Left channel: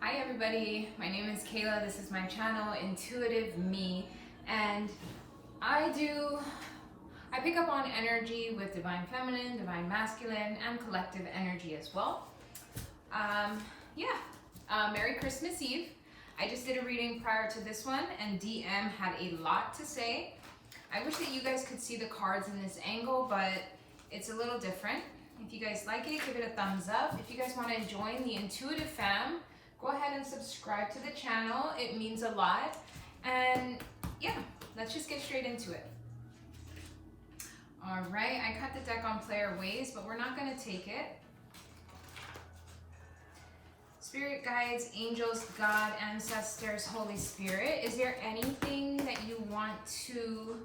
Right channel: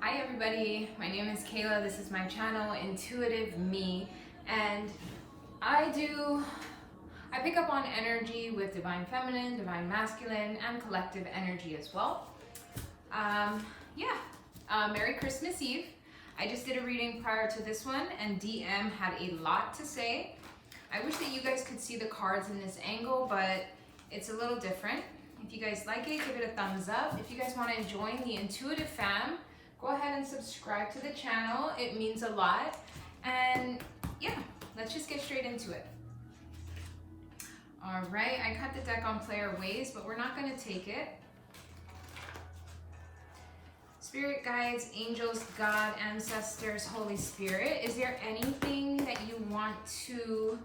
Hi everybody, my name is Kayla. This is my channel, Intuitive Me, and I pick up on energy with Divine Feminine, Divine Masculine, and collective energy as well. Merry Christmas Eve. I just did a reading prior to this one, and DM had a lot to say. I wish that you guys could see the cards in this angle, but it's a little different. If you guys like it, give it a thumbs up. If you guys want to join the Intuitive Fam, go ahead and subscribe to the channel. It means a lot. And yeah, let's just get straight into it. All right, I cut the deck on player ways, but we're not going to take it. Spirit guides, angels, God, ancestors, Holy Spirit, is there anything that you want to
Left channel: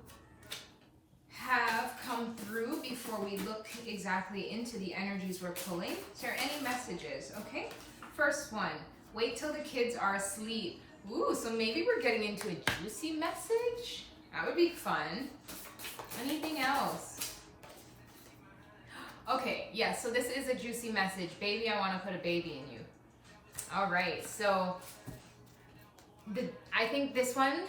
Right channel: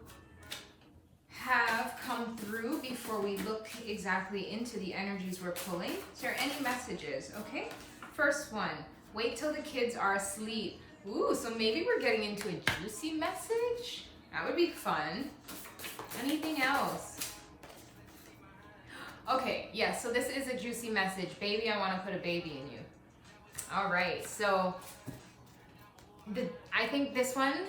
have come through before we look exactly into the energies we're pulling? Is there any messages? Okay, first one, wait till the kids are asleep. Ooh, so maybe we're getting into a juicy message? That would be fun. Anything else? Okay, yes, so this is a juicy message. Baby, I want to put a baby in you. All right, so I think this one,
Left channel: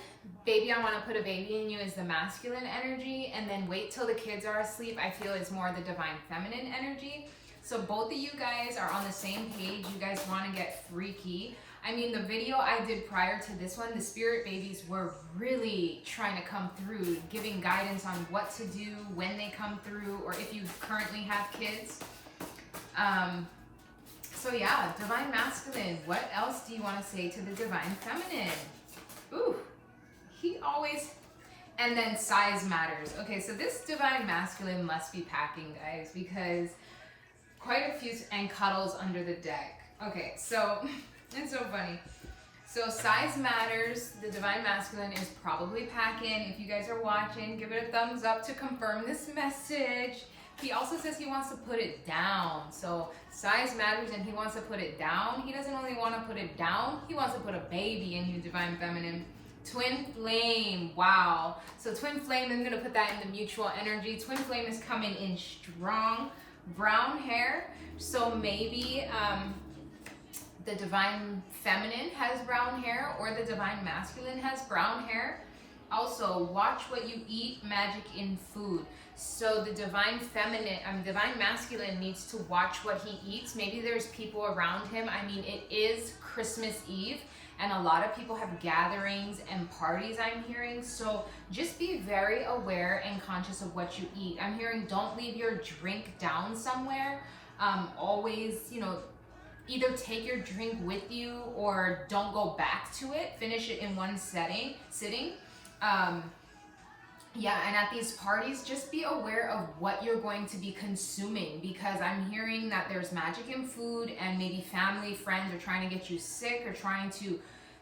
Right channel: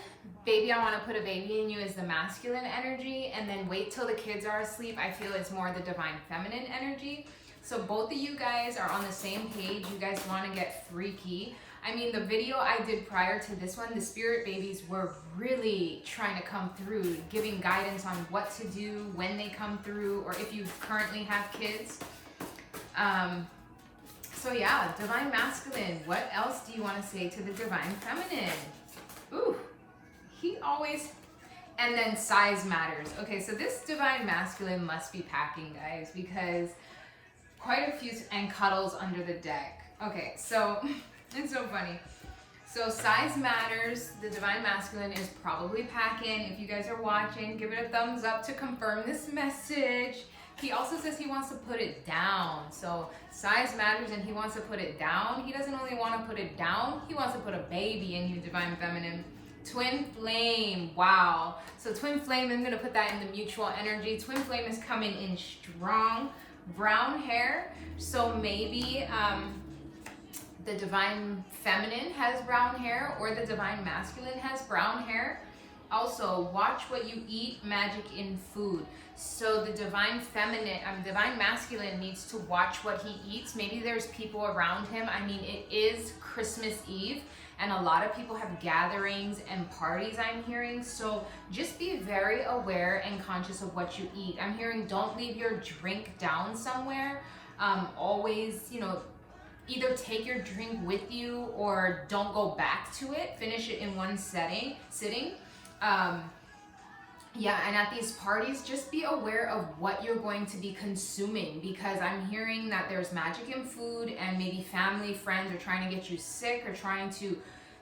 baby, I want to put a baby in you, is the masculine energy, and then wait till the kids are asleep, I feel it's more the divine feminine energy. So both of you guys are on the same page. You guys want to get freaky. I mean, the video I did prior to this one, the spirit babies were really trying to come through, giving guidance on what to do when they come through, or if you currently have kids. So yeah, divine masculine, what else do you want to say to the divine feminine? Ooh, he always, and then size matters. Okay, so this divine masculine must be packing, guys, because quite a few, and cuddles under the deck. Okay, so it's so funny. So size matters. The divine masculine is probably packing. If you guys are watching, give it a thumbs up to confirm this message. He also says he wants to put it down. So size matters and he wants to put it down. He doesn't only want to put it down, he wants to put a baby in you, divine feminine. Twin flame, wow. So twin flame, I'm gonna put that in the mutual energy. Twin flame is coming in strong. Brown hair, so maybe the divine feminine has brown hair or the divine masculine has brown hair. Also, watch what you eat, magic in food. So the divine feminine, divine masculine needs to watch what he eats. Maybe there's people around him. I mean, it is Christmas Eve, and a lot of people have gatherings and parties, I'm hearing. So just be very aware and conscious of what you eat. I'm hearing don't leave your drink down somewhere. Always, either take your drink with you or don't go back to it. Finish it in one sitting. Yeah, and at these parties, just be aware of what you're going to be consuming, because I'm hearing that there's magic in food, and maybe family, friends are trying to get you sick or trying to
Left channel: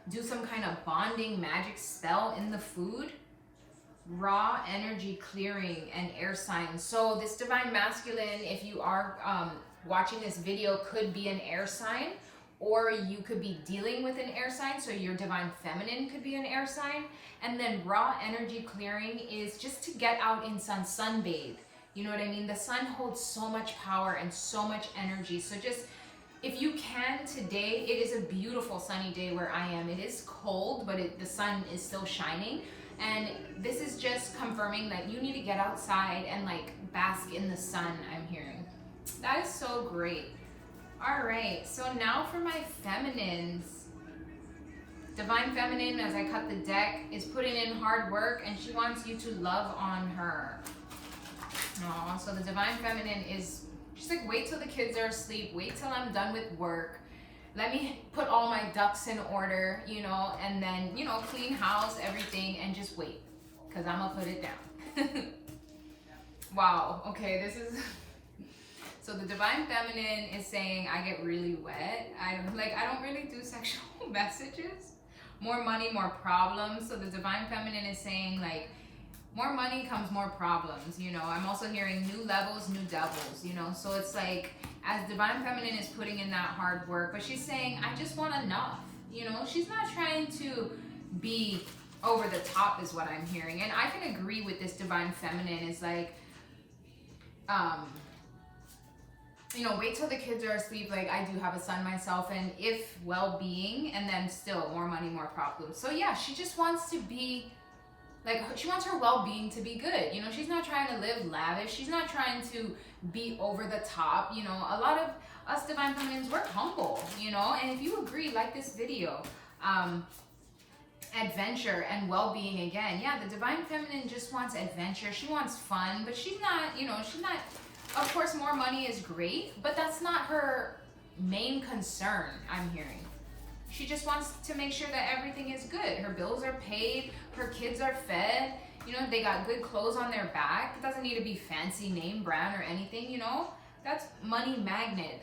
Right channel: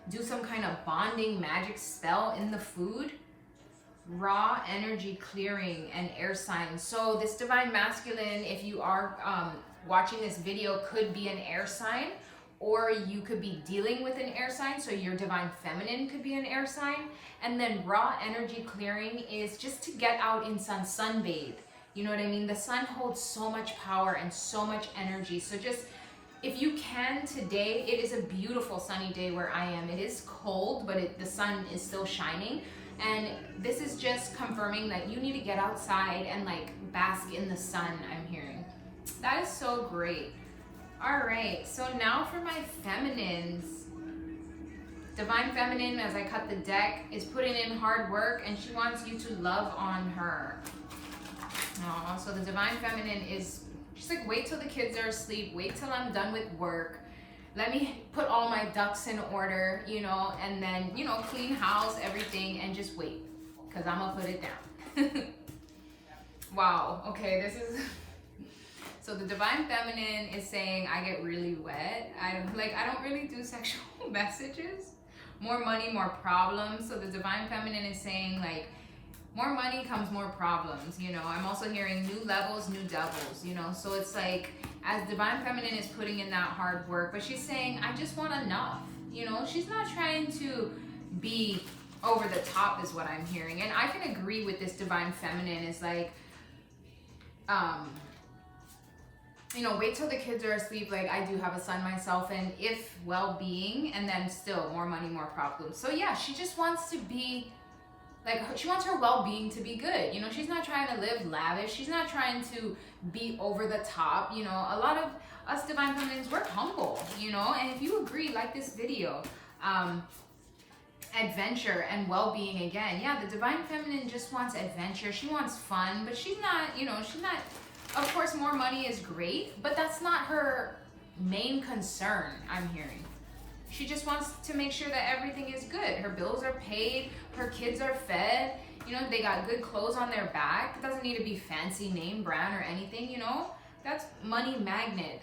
do some kind of bonding magic spell in the food. Raw energy clearing and air signs. So this divine masculine, if you are watching this video, could be an air sign, or you could be dealing with an air sign, so your divine feminine could be an air sign. And then raw energy clearing is just to get out in sunbathe. You know what I mean? The sun holds so much power and so much energy. So just, if you can today, it is a beautiful sunny day where I am. It is cold, but the sun is still shining. And this is just confirming that you need to get outside and bask in the sun, I'm hearing. That is so great. All right, so now for my feminines. Divine feminine, as I cut the deck, is putting in hard work, and she wants you to love on her. Oh, so the divine feminine is just wait till the kids are asleep, wait till I'm done with work. Let me put all my ducks in order, and then, clean house, everything, and just wait, because I'm gonna put it down. Wow, okay, this is... So the divine feminine is saying, I get really wet. I don't really do sexual messages. More money, more problems. So the divine feminine is saying more money comes more problems. I'm also hearing new levels, new devils, So it's as divine feminine is putting in that hard work, but she's saying, I just want enough. She's not trying to be over the top is what I'm hearing. And I can agree with this divine feminine is you know, wait till the kids are asleep. Like, I do have a son myself, and if well-being, and then still more money, more problems. So yeah, she just wants to be like, she wants her well-being to be good. You know, she's not trying to live lavish. She's not trying to be over the top. You know, a lot of us divine feminines, we're humble, you know. And if you agree, like this video, adventure and well-being again. Yeah, the divine feminine just wants adventure. She wants fun, but she's not, you know, she's not, of course, more money is great, but that's not her main concern, I'm hearing. She just wants to make sure that everything is good. Her bills are paid, her kids are fed, you know, they got good clothes on their back. It doesn't need to be fancy name brand or anything, you know. That's money magnet.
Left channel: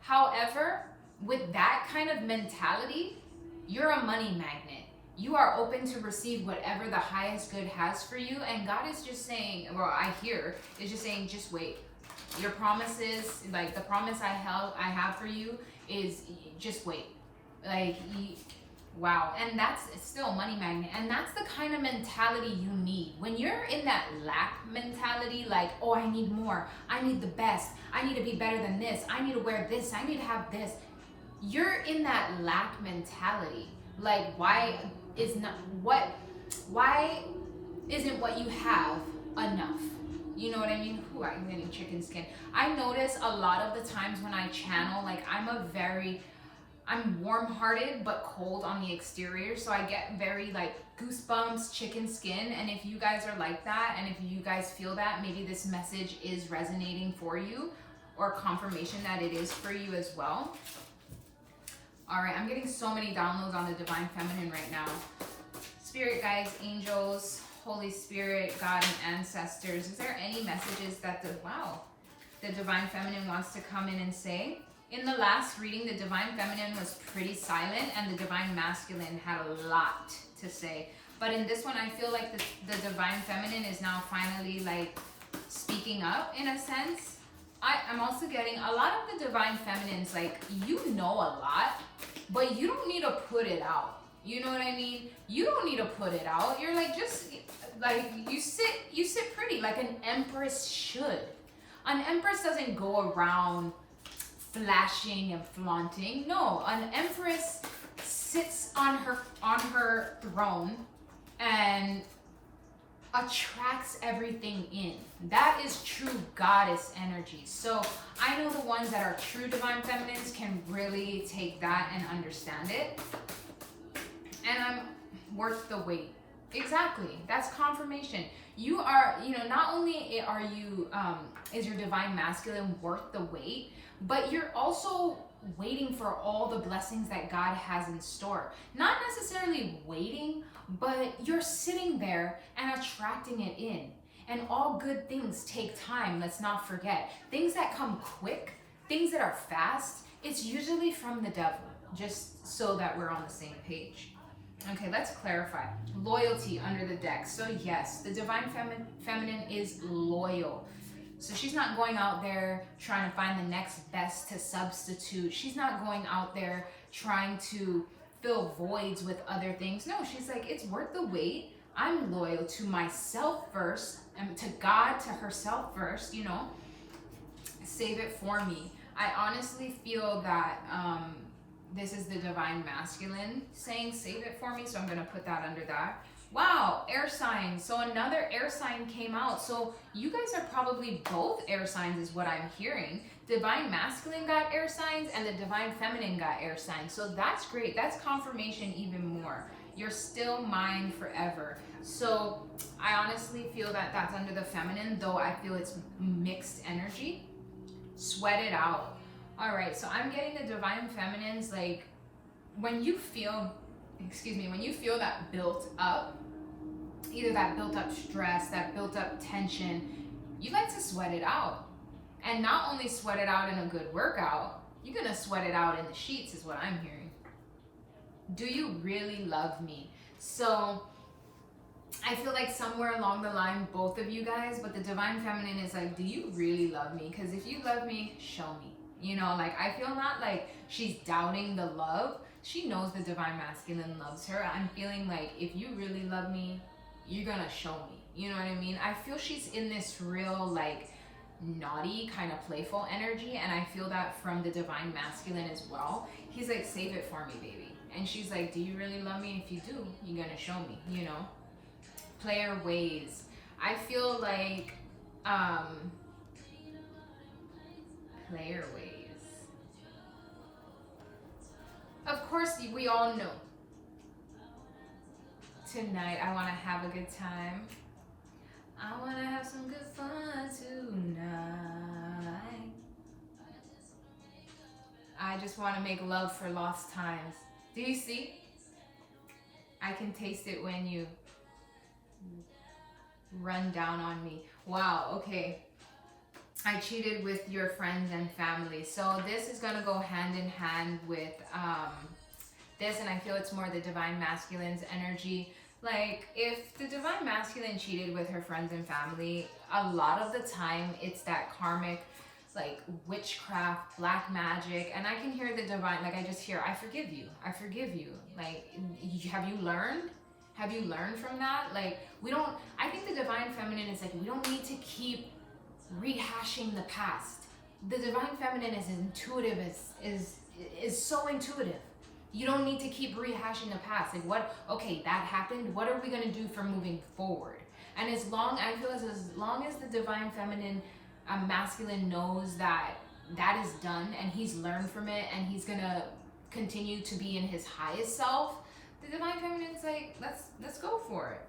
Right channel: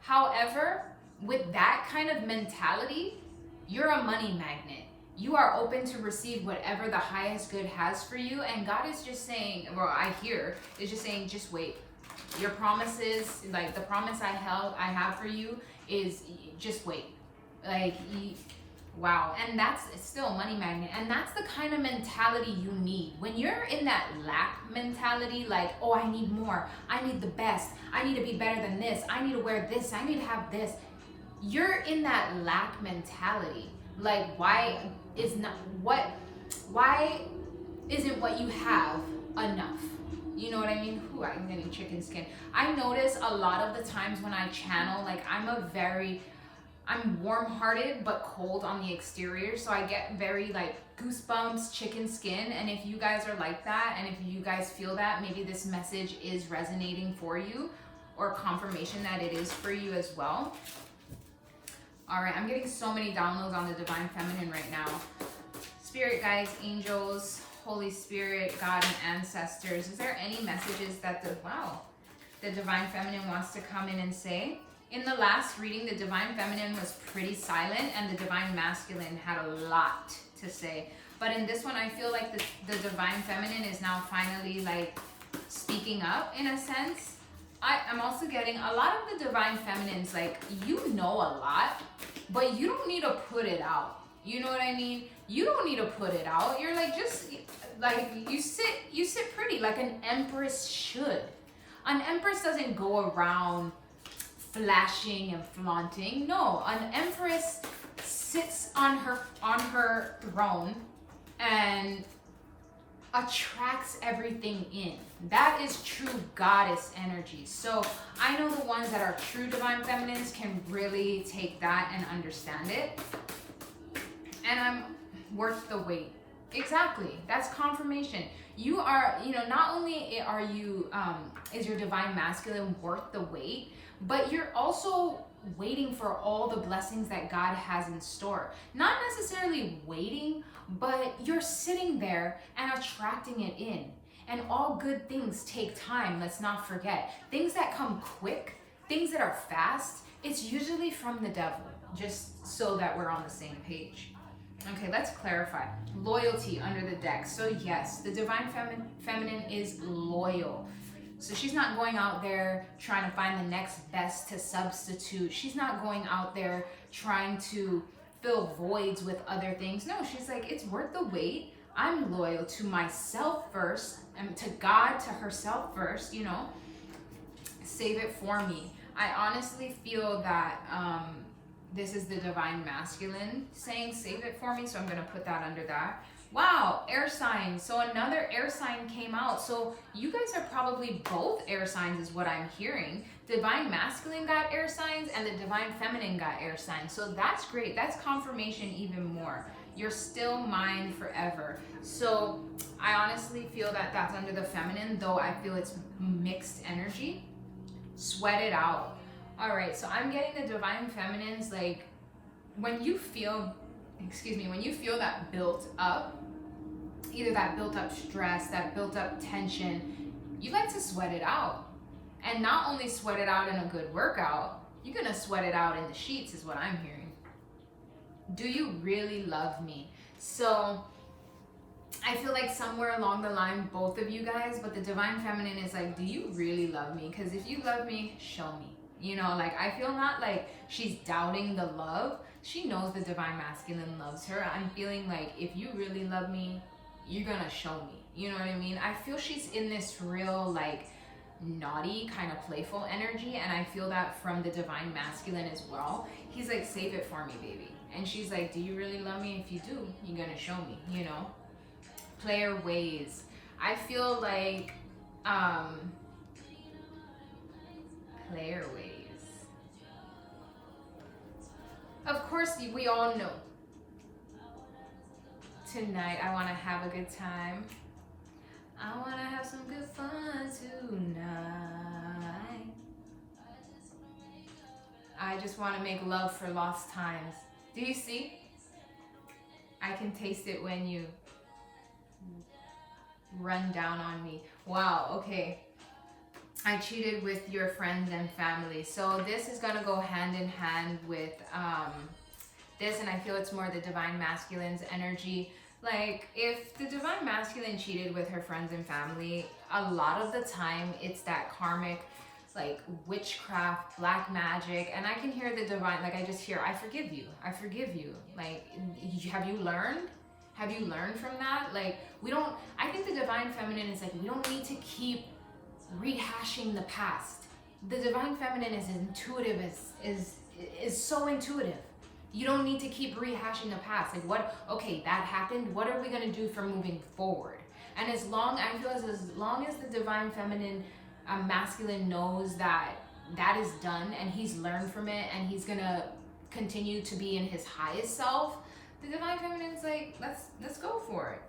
However, with that kind of mentality, you're a money magnet. You are open to receive whatever the highest good has for you. And God is just saying, well, I hear, is just saying, just wait. Your promises, like the promise I have for you is just wait. Like, wow. And that's still money magnet. And that's the kind of mentality you need. When you're in that lack mentality, like, oh, I need more. I need the best. I need to be better than this. I need to wear this. I need to have this. You're in that lack mentality. Like, why isn't what you have enough? You know what I mean? Ooh, I'm getting chicken skin. I notice a lot of the times when I channel, like, I'm warm-hearted but cold on the exterior, so I get very like goosebumps, chicken skin. And if you guys are like that, and if you guys feel that, maybe this message is resonating for you, or confirmation that it is for you as well. All right, I'm getting so many downloads on the Divine Feminine right now. Spirit guides, angels, Holy Spirit, God, and ancestors. Is there any messages that the Divine Feminine wants to come in and say? In the last reading, the Divine Feminine was pretty silent, and the Divine Masculine had a lot to say. But in this one, I feel like the Divine Feminine is now finally like speaking up in a sense. I'm also getting a lot of the Divine Feminines, like, you know a lot, but you don't need to put it out. You know what I mean? You don't need to put it out. You're like, just like, you sit pretty like an empress should. An empress doesn't go around flashing and flaunting. No, an empress sits on her throne and attracts everything in. That is true goddess energy. So I know the ones that are true divine feminines can really take that and understand it. And I'm worth the wait. Exactly. That's confirmation. You are, you know, not only are you is your divine masculine worth the wait, but you're also waiting for all the blessings that God has in store. Not necessarily waiting, but you're sitting there and attracting it in. And all good things take time, let's not forget. Things that come quick, things that are fast, it's usually from the devil, just so that we're on the same page. Okay, let's clarify. Loyalty under the deck. So yes, the Divine Feminine is loyal. So she's not going out there trying to find the next best to substitute. She's not going out there trying to fill voids with other things. No, she's like, it's worth the wait. I'm loyal to myself first, and to God, to herself first, you know. Save it for me. I honestly feel that this is the Divine Masculine saying save it for me, so I'm going to put that under that. Wow, air signs. So another air sign came out. So you guys are probably both air signs is what I'm hearing. Divine Masculine got air signs and the Divine Feminine got air signs. So that's great. That's confirmation even more. You're still mine forever. So I honestly feel that that's under the feminine, though I feel it's mixed energy. Sweat it out. All right, so I'm getting the Divine Feminines, like, when you feel that built up, either that built up stress, that built up tension, you like to sweat it out. And not only sweat it out in a good workout, you're gonna sweat it out in the sheets is what I'm hearing. Do you really love me? So I feel like somewhere along the line, both of you guys, but the Divine Feminine is like, do you really love me? Because if you love me, show me. You know, like, I feel not like she's doubting the love. She knows the Divine Masculine loves her. I'm feeling like, if you really love me, you're gonna show me. You know what I mean? I feel she's in this real, like, naughty, kind of playful energy. And I feel that from the divine masculine as well. He's like, save it for me, baby. And she's like, do you really love me? If you do, you're gonna show me, you know? Player ways. I feel like player ways. Of course, we all know. Tonight, I want to have a good time. I want to have some good fun tonight. I just want to make love for lost times. Do you see? I can taste it when you run down on me. Wow, okay. I cheated with your friends and family. So this is going to go hand in hand with this, and I feel it's more the divine masculine's energy. Like, if the divine masculine cheated with her friends and family, a lot of the time it's that karmic, like, witchcraft, black magic. And I can hear the divine, like, I just hear, I forgive you. I forgive you. Like, have you learned? Have you learned from that? Like, we don't, I think the divine feminine is like, we don't need to keep rehashing the past. The divine feminine is intuitive, is so intuitive. You don't need to keep rehashing the past. Like, what, okay, that happened. What are we going to do for moving forward? And as long, I feel as long as the divine feminine masculine knows that that is done and he's learned from it and he's going to continue to be in his highest self, the divine feminine's like, let's go for it.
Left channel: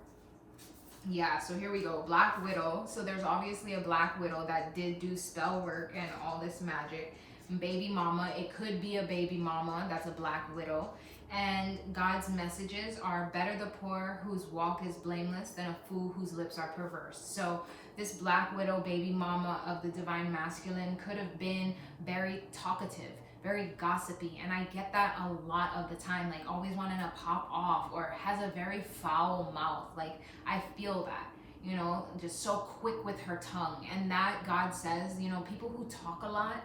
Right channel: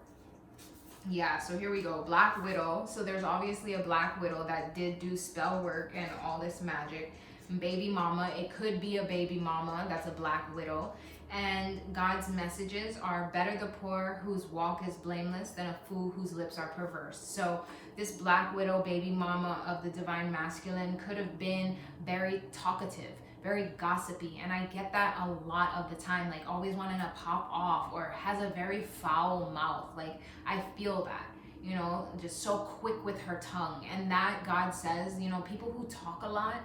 Yeah, so here we go. Black Widow. So there's obviously a Black Widow that did do spell work and all this magic. Baby mama. It could be a baby mama. That's a Black Widow. And God's messages are, better the poor whose walk is blameless than a fool whose lips are perverse. So this Black Widow, baby mama of the divine masculine, could have been very talkative, very gossipy. And I get that a lot of the time, like always wanting to pop off, or has a very foul mouth. Like, I feel that, you know, just so quick with her tongue. And that God says, you know, people who talk a lot,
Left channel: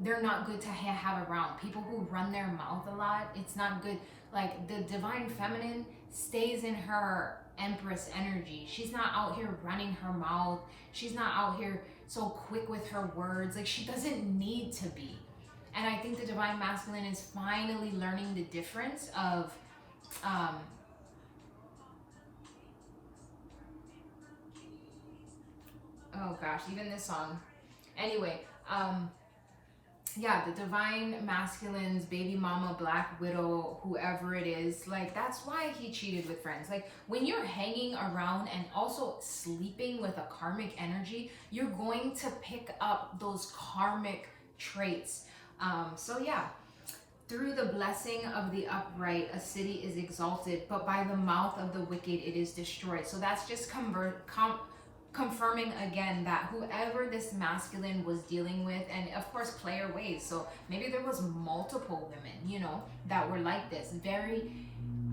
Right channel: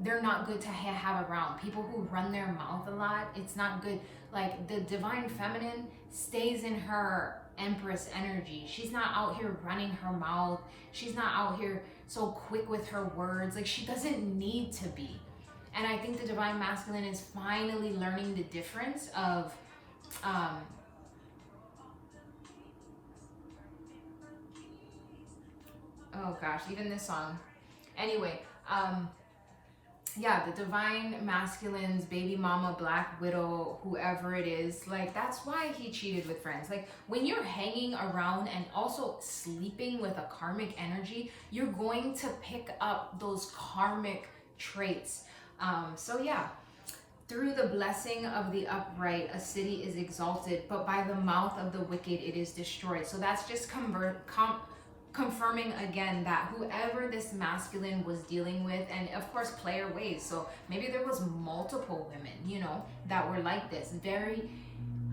they're not good to have around. People who run their mouth a lot, it's not good. Like, the divine feminine stays in her empress energy. She's not out here running her mouth. She's not out here so quick with her words. Like, she doesn't need to be. And I think the divine masculine is finally learning the difference of oh gosh, even this song. Anyway, yeah, the divine masculine's baby mama, Black Widow, whoever it is, like, that's why he cheated with friends. Like, when you're hanging around and also sleeping with a karmic energy, you're going to pick up those karmic traits. So yeah, through the blessing of the upright, a city is exalted, but by the mouth of the wicked it is destroyed. So that's just confirming again that whoever this masculine was dealing with, and of course player ways, so maybe there was multiple women, you know, that were like this, very,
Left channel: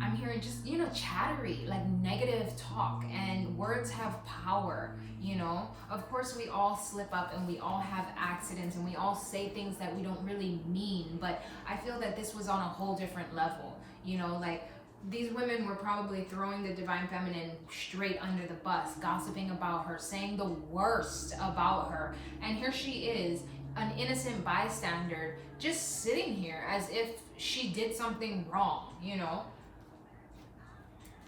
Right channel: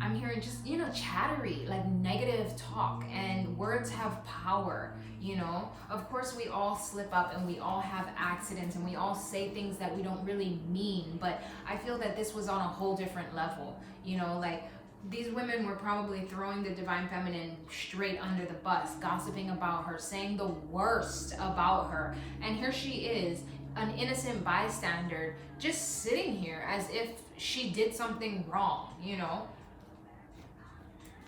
I'm hearing just, you know, chattery, like negative talk, and words have power, you know. Of course we all slip up and we all have accidents and we all say things that we don't really mean, but I feel that this was on a whole different level, you know. Like, these women were probably throwing the divine feminine straight under the bus, gossiping about her, saying the worst about her. And here she is, an innocent bystander, just sitting here as if she did something wrong, you know?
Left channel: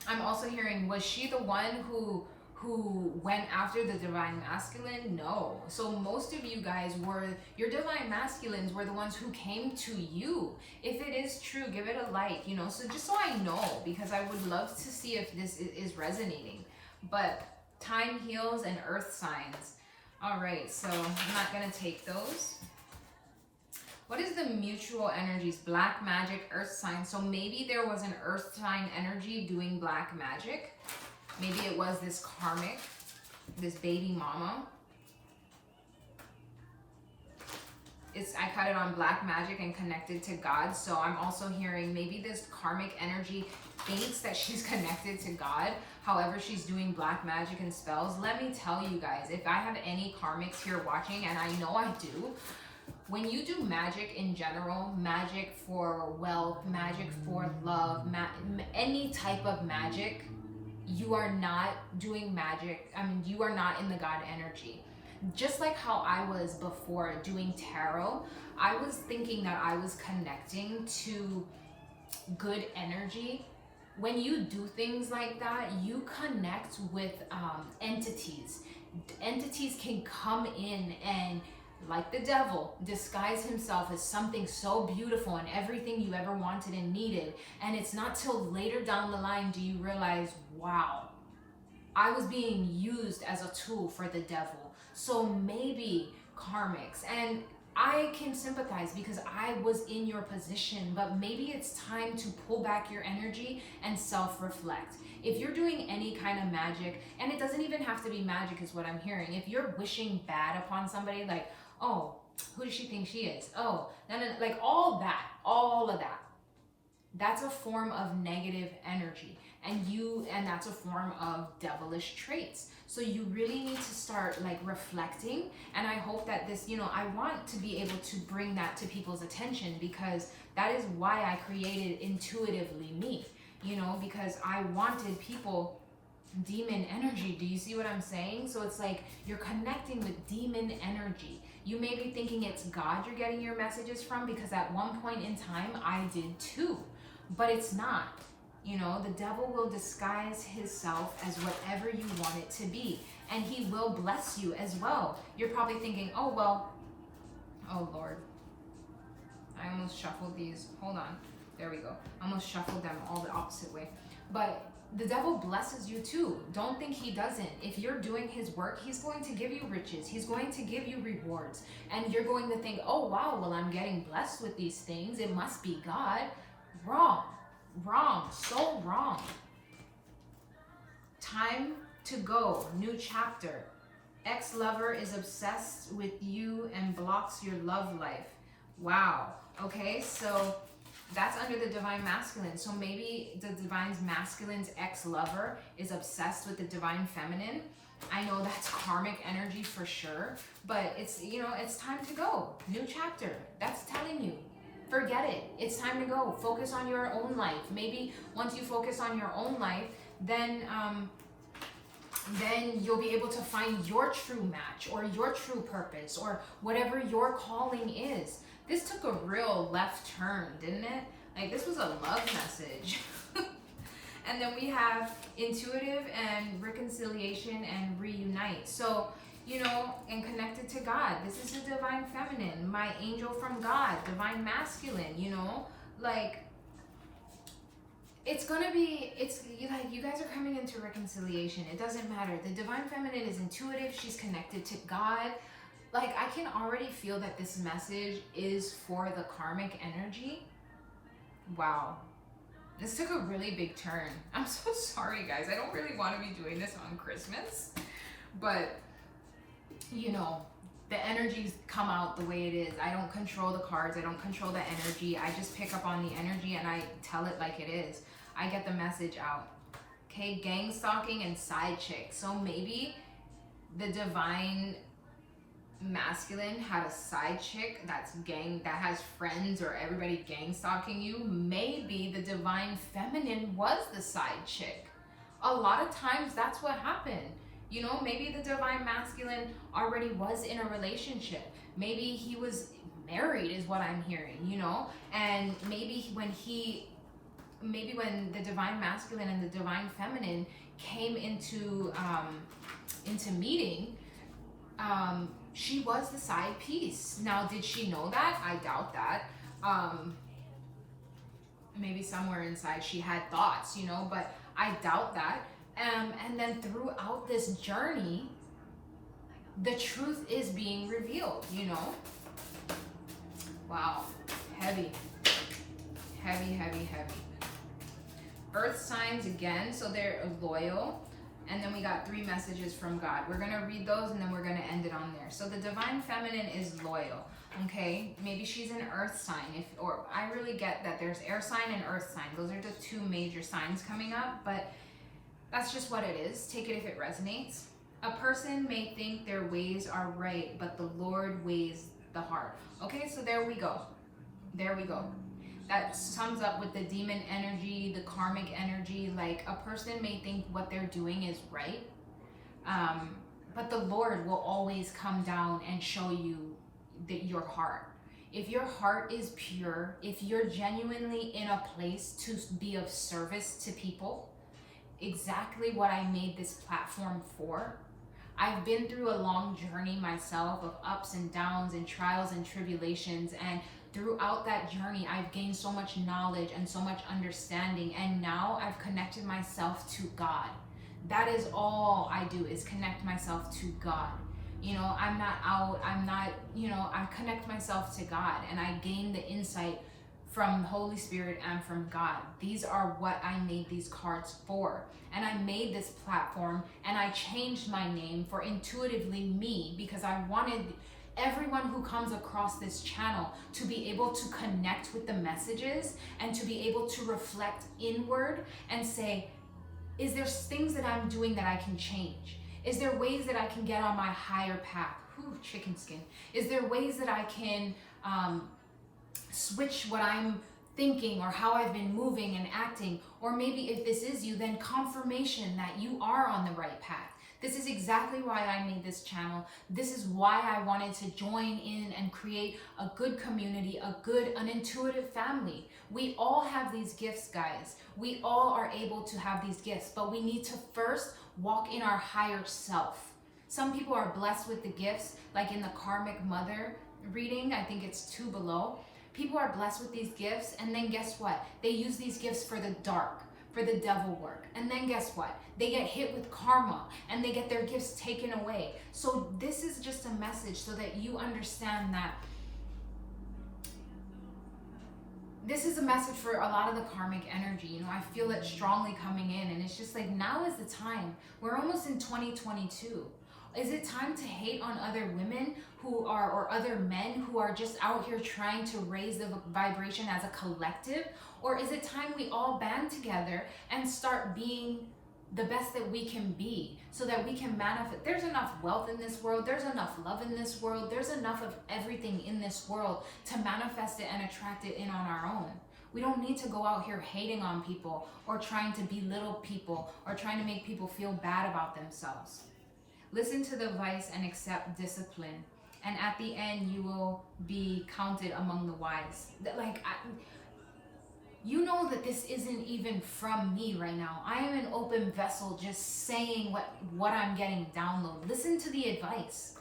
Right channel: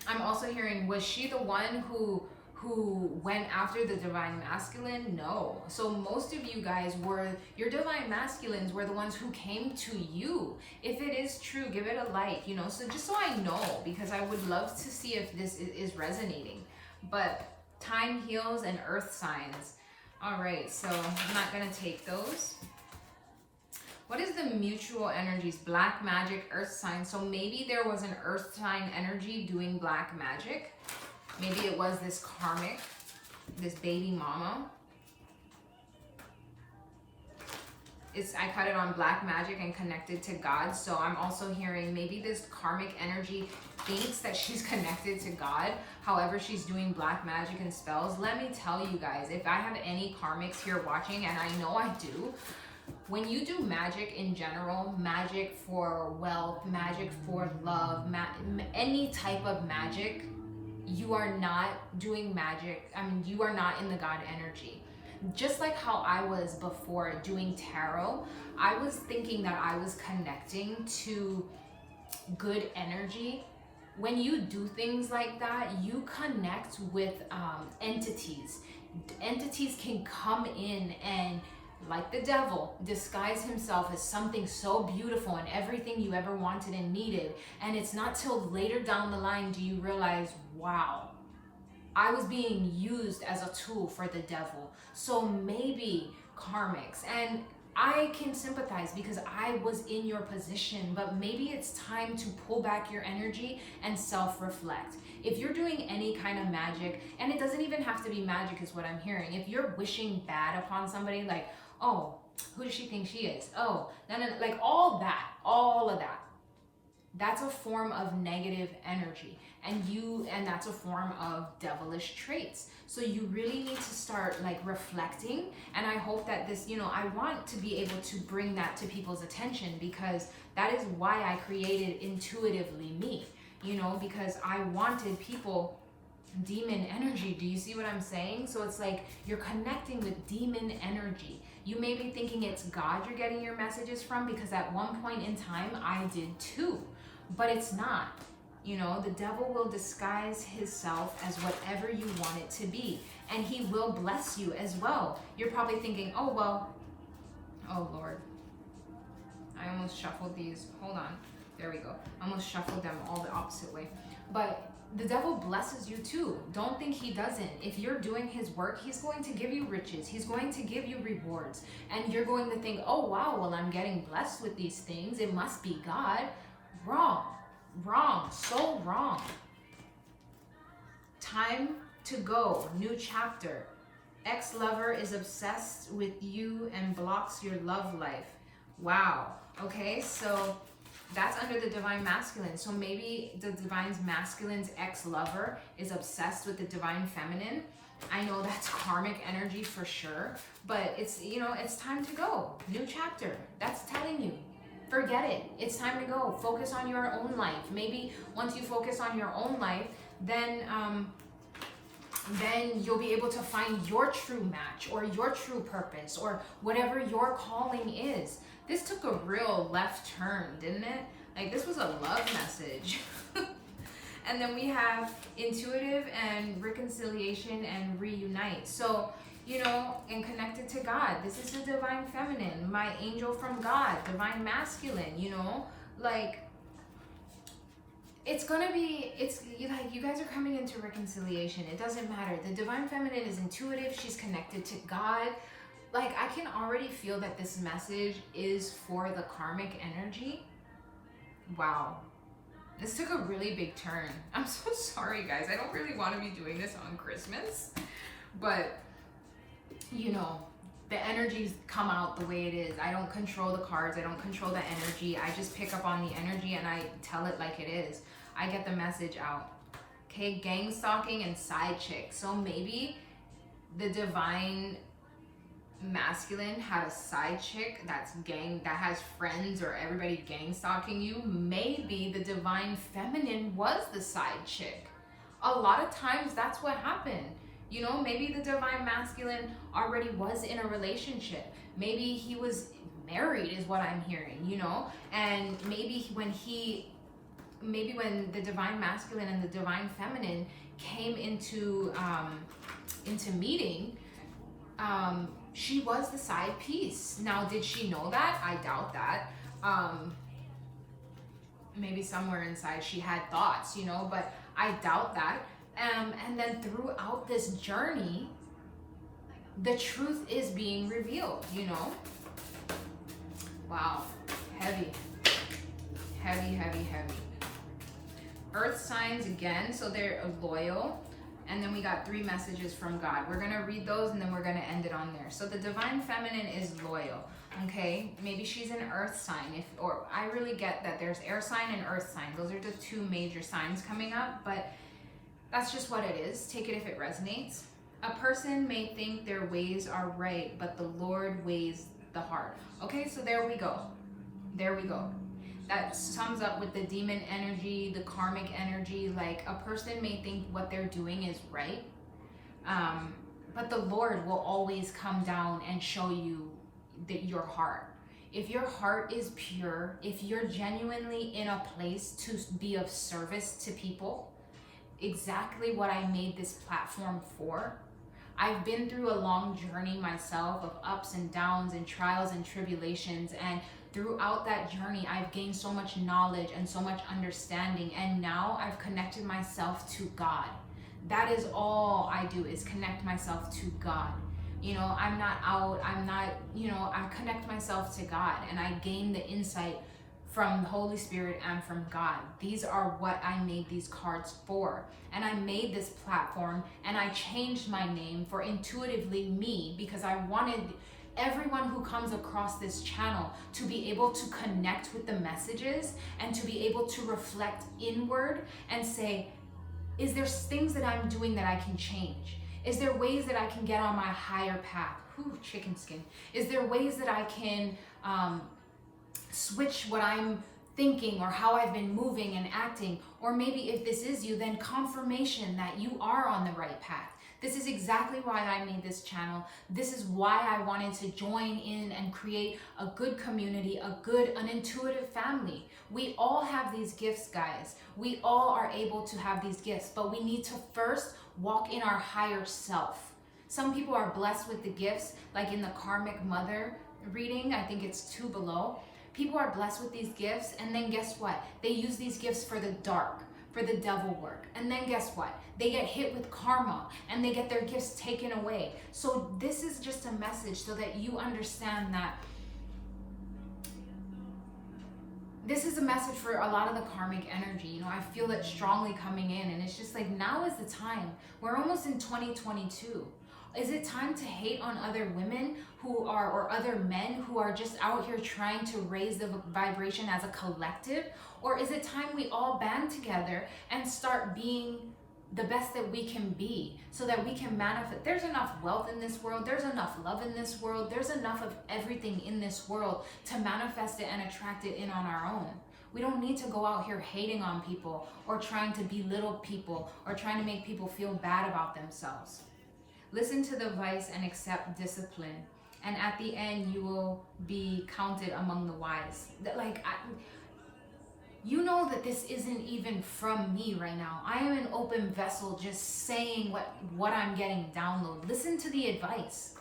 I'm also hearing, was she the one who went after the divine masculine? No. So most of you guys were, your divine masculines were the ones who came to you. If it is true, give it a like, you know, so just so I know, because I would love to see if this is resonating. But time heals and earth signs. All right, so I'm not gonna take those. What is the mutual energies? Black magic, earth sign. So maybe there was an earth sign energy doing black magic. Maybe it was this karmic, this baby mama. I cut it on black magic and connected to God. So I'm also hearing maybe this karmic energy thinks that she's connected to God. However, she's doing black magic and spells. Let me tell you guys, if I have any karmics here watching, and I know I do, when you do magic in general, magic for wealth, magic for love, any type of magic, you are not doing magic. I mean, you are not in the God energy. Just like how I was before doing tarot, I was thinking that I was connecting to good energy. When you do things like that, you connect with entities. Entities can come in and, like the devil, disguise himself as something so beautiful and everything you ever wanted and needed. And it's not till later down the line do you realize, wow, I was being used as a tool for the devil. So maybe karmics, and I can sympathize because I was in your position, but maybe it's time to pull back your energy and self-reflect. If you're doing any kind of magic, and it doesn't even have to be magic is what I'm hearing. If you're wishing bad upon somebody, like, oh, who does she think she is? Oh, no, like all of that. That's a form of negative energy, and that's a form of devilish traits. So you really need to start like reflecting, and I hope that this, I want to be able to bring that to people's attention, because that is why I created Intuitively Me, because I wanted people, demon energy. Do you see what I'm saying? So it's like you're connecting with demon energy. You may be thinking it's God you're getting your messages from, because at one point in time I did too, but it's not. The devil will disguise himself as whatever you want it to be, and he will bless you as well. You're probably thinking, oh, well, oh Lord, I almost shuffled these. Hold on. There we go. I almost shuffled them all the opposite way. But the devil blesses you too. Don't think he doesn't. If you're doing his work, he's going to give you riches. He's going to give you rewards. And you're going to think, oh, wow, well, I'm getting blessed with these things. It must be God. Wrong, so wrong. Time to go, new chapter. Ex-lover is obsessed with you and blocks your love life. Wow. Okay, so that's under the divine masculine. So maybe the divine masculine's ex-lover is obsessed with the divine feminine. I know that's karmic energy for sure, but it's, it's time to go. New chapter. That's telling you. Forget it. It's time to go. Focus on your own life. Maybe once you focus on your own life, then you'll be able to find your true match or your true purpose or whatever your calling is. This took a real left turn, didn't it? Like, this was a love message. And then we have intuitive and reconciliation and reunite. So, and connected to God. This is the divine feminine, my angel from God, divine masculine, like, it's like you guys are coming into reconciliation. It doesn't matter. The divine feminine is intuitive. She's connected to God. Like, I can already feel that this message is for the karmic energy. Wow. This took a really big turn. I'm so sorry, guys. I don't really want to be doing this on Christmas, but the energies come out the way it is. I don't control the cards. I don't control the energy. I just pick up on the energy and I tell it like it is. I get the message out. Okay, gang stalking and side chick. So maybe the divine masculine had a side chick that has friends, or everybody gang stalking you. Maybe the divine feminine was the side chick. A lot of times that's what happened. Maybe the divine masculine already was in a relationship. Maybe he was married is what I'm hearing, and maybe when the divine masculine and the divine feminine came into meeting, she was the side piece. Now, did she know that? I doubt that. Maybe somewhere inside she had thoughts, but I doubt that. And then throughout this journey, the truth is being revealed, Wow. Heavy. Earth signs again, so they're loyal. And then we got 3 messages from God. We're going to read those and then we're going to end it on there. So the divine feminine is loyal, okay? Maybe she's an earth sign. Or I really get that there's air sign and earth sign. Those are the 2 major signs coming up, but that's just what it is. Take it if it resonates. A person may think their ways are right, but the Lord weighs the heart. Okay, so there we go. That sums up with the demon energy, the karmic energy. Like, a person may think what they're doing is right, But the Lord will always come down and show you that your heart. If your heart is pure, if you're genuinely in a place to be of service to people, exactly what I made this platform for. I've been through a long journey myself of ups and downs and trials and tribulations, and throughout that journey I've gained so much knowledge and so much understanding, and now I've connected myself to God. That is all I do, is connect myself to God. You know, I'm not out, I connect myself to God, and I gain the insight from the Holy Spirit and from God. These are what I made these cards for. And I made this platform and I changed my name for Intuitively Me, because I wanted everyone who comes across this channel to be able to connect with the messages and to be able to reflect inward and say, is there things that I'm doing that I can change? Is there ways that I can get on my higher path? Whew, chicken skin. Is there ways that I can switch what I'm thinking or how I've been moving and acting? Or maybe if this is you, then confirmation that you are on the right path. This is exactly why I made this channel. This is why I wanted to join in and create a good community, an intuitive family. We all have these gifts, guys. We all are able to have these gifts, but we need to first walk in our higher self. Some people are blessed with the gifts, like in the Karmic Mother reading, I think it's 2 below. People are blessed with these gifts, and then guess what? They use these gifts for the dark, for the devil work. And then guess what? They get hit with karma and they get their gifts taken away. So this is just a message so that you understand that this is a message for a lot of the karmic energy. You know, I feel it strongly coming in, and it's just like, now is the time. We're almost in 2022. Is it time to hate on other women who are, or other men who are just out here trying to raise the vibration as a collective? Or is it time we all band together and start being the best that we can be, so that we can manifest? There's enough wealth in this world. There's enough love in this world. There's enough of everything in this world to manifest it and attract it in on our own. We don't need to go out here hating on people or trying to belittle people or trying to make people feel bad about themselves. Listen to the advice and accept discipline, and at the end you will be counted among the wise. You know that this isn't even from me right now. I am an open vessel just saying what I'm getting download. Listen to the advice.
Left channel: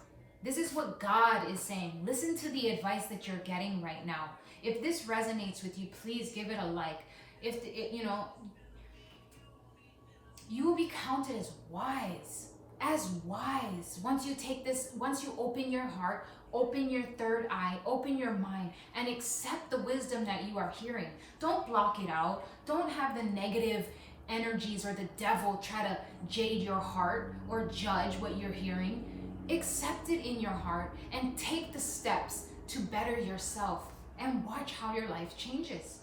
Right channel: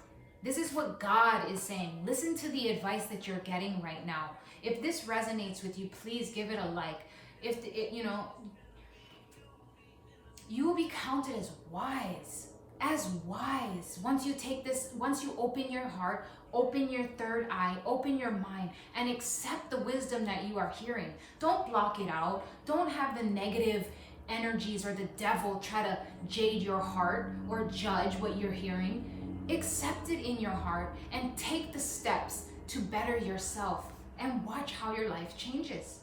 This is what God is saying. Listen to the advice that you're getting right now. If this resonates with you, please give it a like. You will be counted as wise. As wise. Once you take this, once you open your heart, open your third eye, open your mind, and accept the wisdom that you are hearing. Don't block it out. Don't have the negative energies or the devil try to jade your heart or judge what you're hearing. Accept it in your heart and take the steps to better yourself, and watch how your life changes.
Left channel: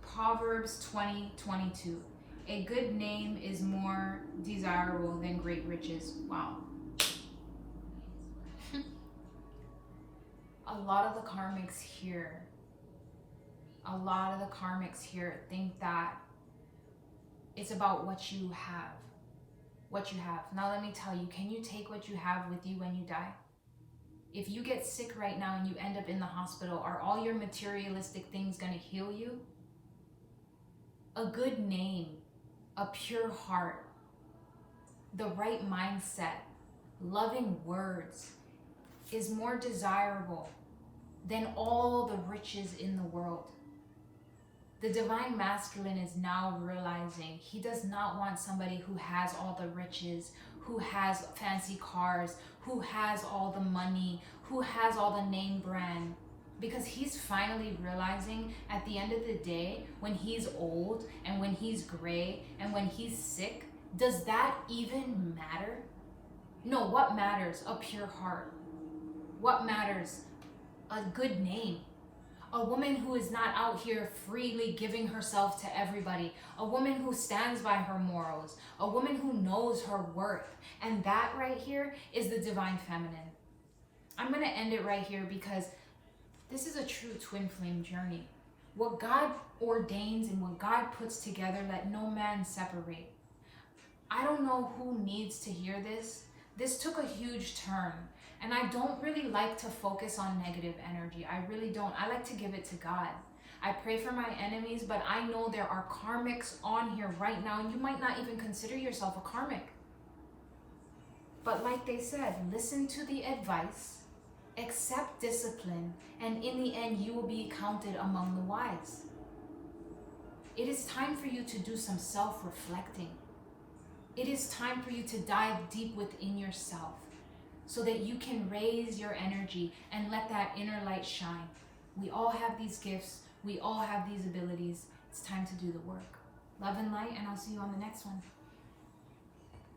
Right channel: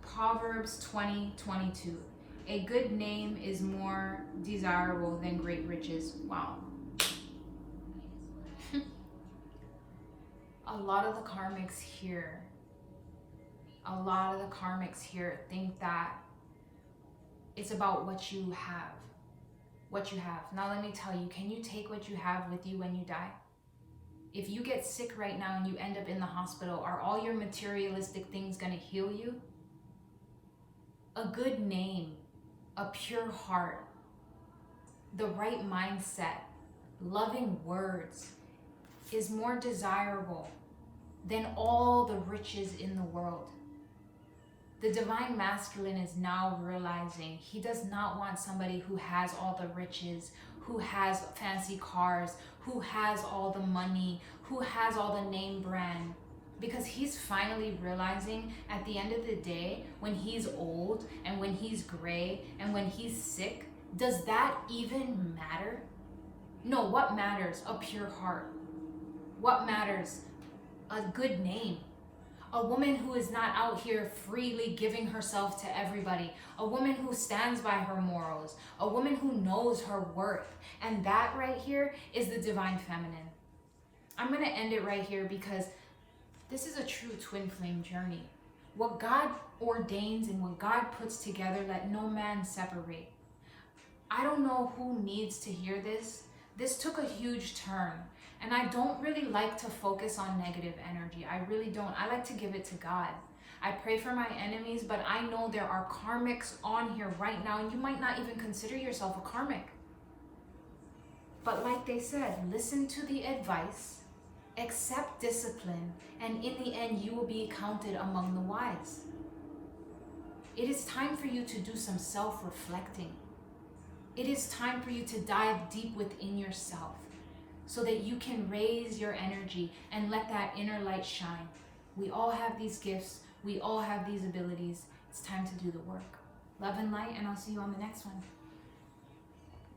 Proverbs 20:22. A good name is more desirable than great riches. Wow. A lot of the karmics here think that it's about what you have. Now let me tell you, can you take what you have with you when you die? If you get sick right now and you end up in the hospital, are all your materialistic things going to heal you? A good name, a pure heart, the right mindset, loving words is more desirable than all the riches in the world. The divine masculine is now realizing he does not want somebody who has all the riches, who has fancy cars, who has all the money, who has all the name brand. Because he's finally realizing at the end of the day, when he's old and when he's gray and when he's sick, does that even matter? No, what matters? A pure heart. What matters? A good name. A woman who is not out here freely giving herself to everybody. A woman who stands by her morals. A woman who knows her worth. And that right here is the divine feminine. I'm going to end it right here because this is a true twin flame journey. What God ordains and what God puts together, let no man separate. I don't know who needs to hear this. This took a huge turn, and I don't really like to focus on negative energy. I really don't. I like to give it to God. I pray for my enemies, but I know there are karmics on here right now, and you might not even consider yourself a karmic. But like they said, listen to the advice, accept discipline, and in the end, you will be counted among the wise. It is time for you to do some self-reflecting. It is time for you to dive deep within yourself so that you can raise your energy and let that inner light shine. We all have these gifts. We all have these abilities. It's time to do the work. Love and light, and I'll see you on the next one.